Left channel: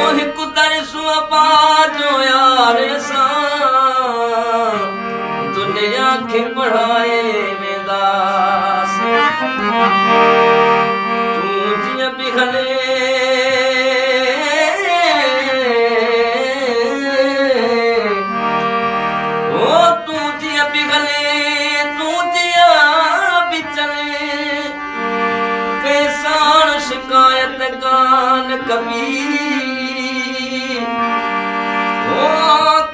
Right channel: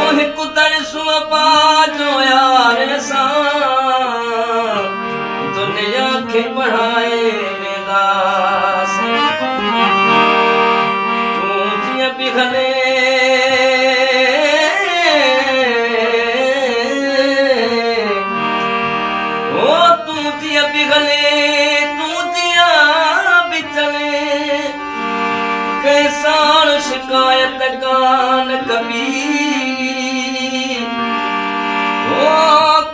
ओ हिक तरसो पाजो यार सा दुनिया खे बढ़ाए वेंदास तूं जीअं पिघले शिकायत कान कभी ओ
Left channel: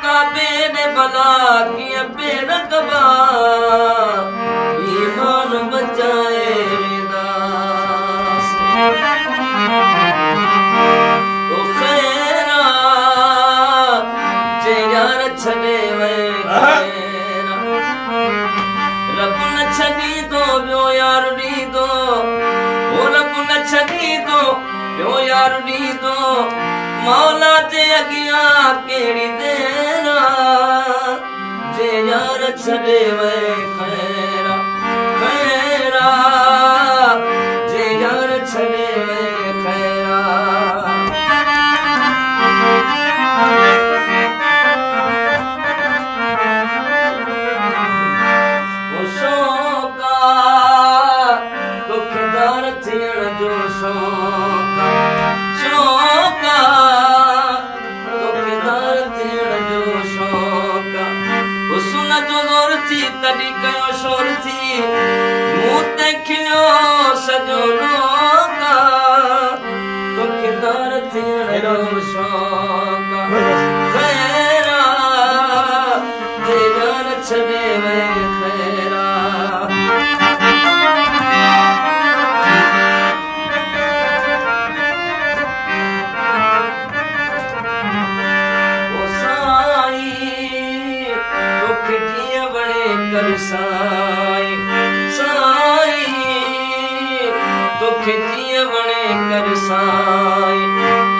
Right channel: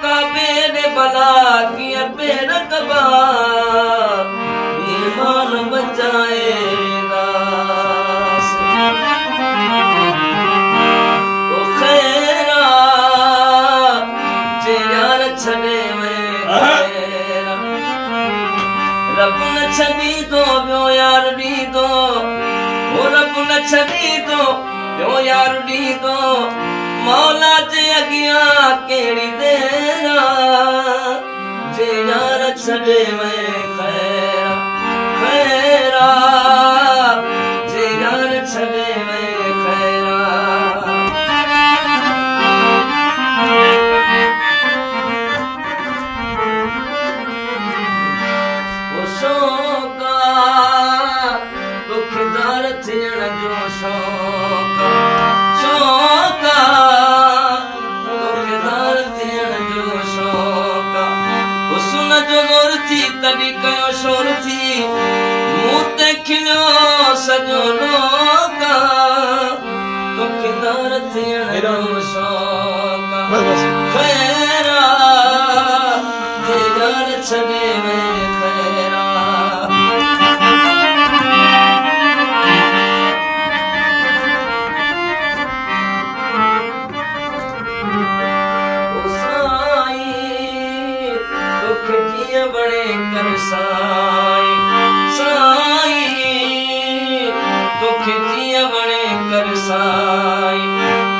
कबे ने बला किया पेर कबा ईमान बचाए दास ओ खैरा जे यार छने में खैरा रब न छदी दो बियो यार दी दो रब न छॾी थो ॿियो यार ॾी थो मौला जे अॻियां कहिड़ी देर जे यार छॾे वए खैरा खैरा जे यार छॾे वए खैरा थियण जो शौक़ शौक़ तोखेदार थियण जो शौक़ हुस्न जो ज़ोर थी तॾहिं कयो शोर थी मूं ते खिलियो सॼो लोक तोखेदार थियण जो शौक़ खैरा जे यार छॾे वए खैरा कर साईं साईं तोखे जीअं वणे कर साईं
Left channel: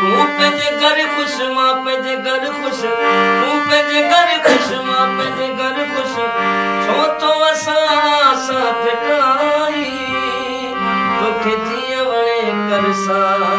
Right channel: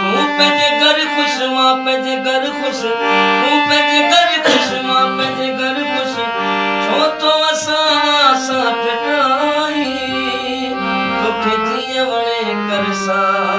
तूं पंहिंजे घर ख़ुशि मां पंहिंजे घर ख़ुशि तूं पंहिंजे घर ख़ुशि मां पंहिंजे घर ख़ुशि छो तो असां फिटाई तोखे जीअं वणे कर साईं